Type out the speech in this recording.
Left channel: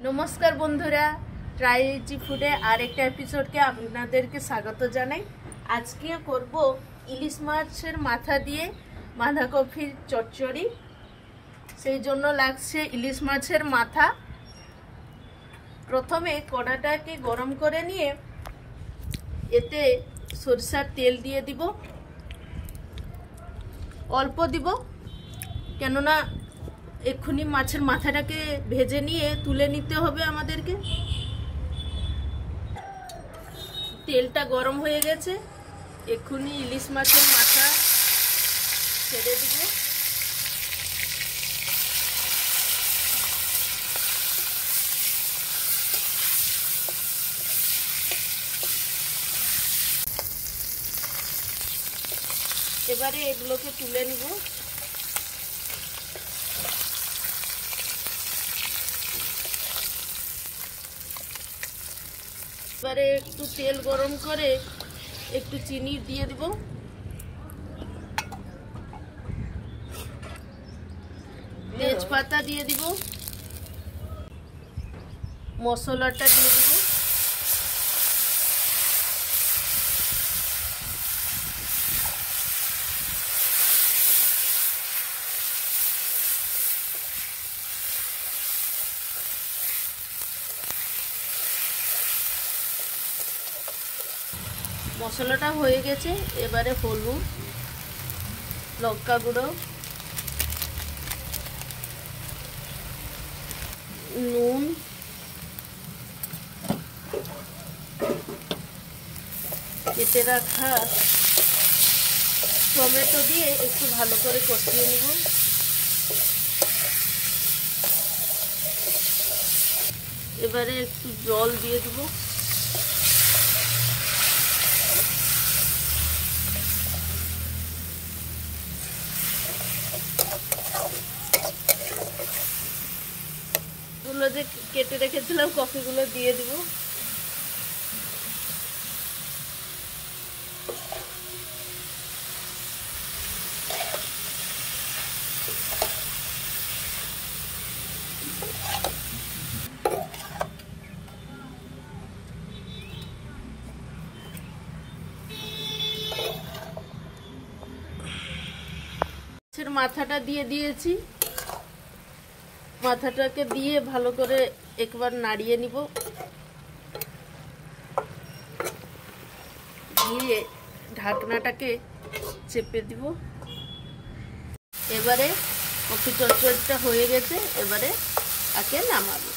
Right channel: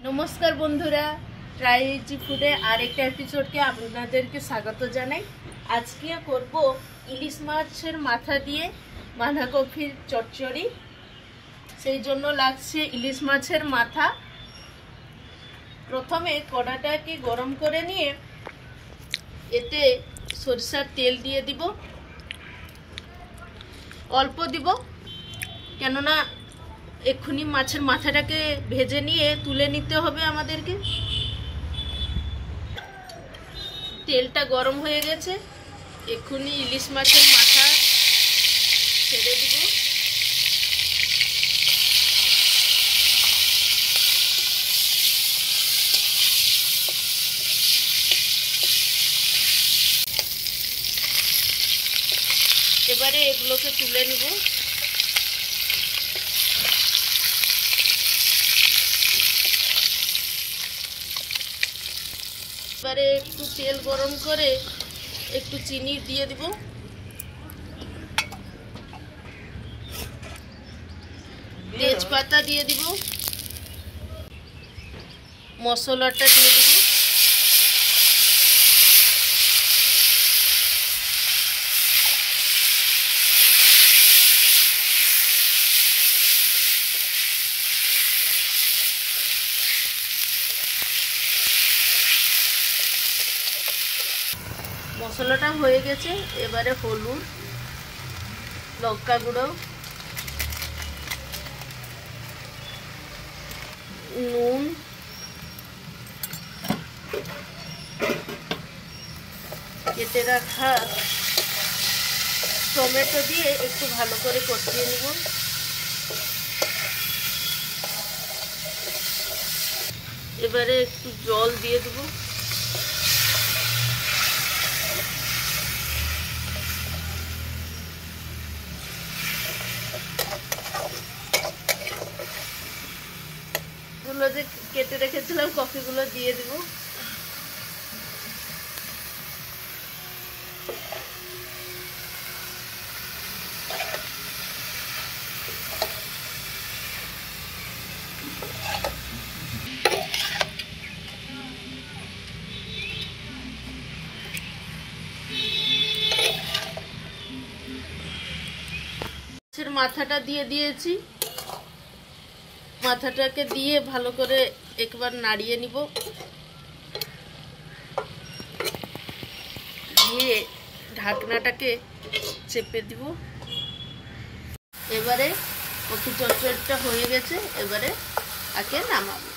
नमस्कार बंधुरा try easy फुडे आरेकटा एपिसोडके आपनादेरके स्वागत जानाई। आज के करब इलिश माछेर माथा दिए बाँधाकपिर चच्चड़ी। सेई जोन्नो लागछे इलिश माछेर माथा। प्रथमे कड़ाटाके गरम करे निये एते सरिषार तेल दिए दिब, अल्प दिब केनना एखुनी माछेर माथाटाके भेजे निये तुले निते होबे आमादेरके। तेलटा गरम हये गेछे, एखुनी इलिश माछेर माथा छेड़े दिब। एबारे एगुलोके तुले निब। এবারে একটু তেল গরম করে একটু চিনি দিয়ে দিব, তেজপাতা দিয়ে দিব, মশলাটা দিয়ে দিব, মশলাটা হয়ে গেছে। এবারে হলুদ, লঙ্কা গুঁড়ো, নুন, কেটে রাখা টমেটো দিয়ে একটু ভালো করে কষিয়ে নিব। এবারে একটু জল দিয়ে দিব। যে কেটে রেখেছিলাম কফিগুলো দিয়ে দিব। মাথাটা দিয়ে দিয়েছি। মাথাটাকে দিয়ে ভালো করে একবার নাড়িয়ে নিব, দিয়ে ঢাকনাটাকে চেপে দিব। এবারে কফি চচ্চড়িটা হয়ে গেছে, এবারে আগে নামাবো।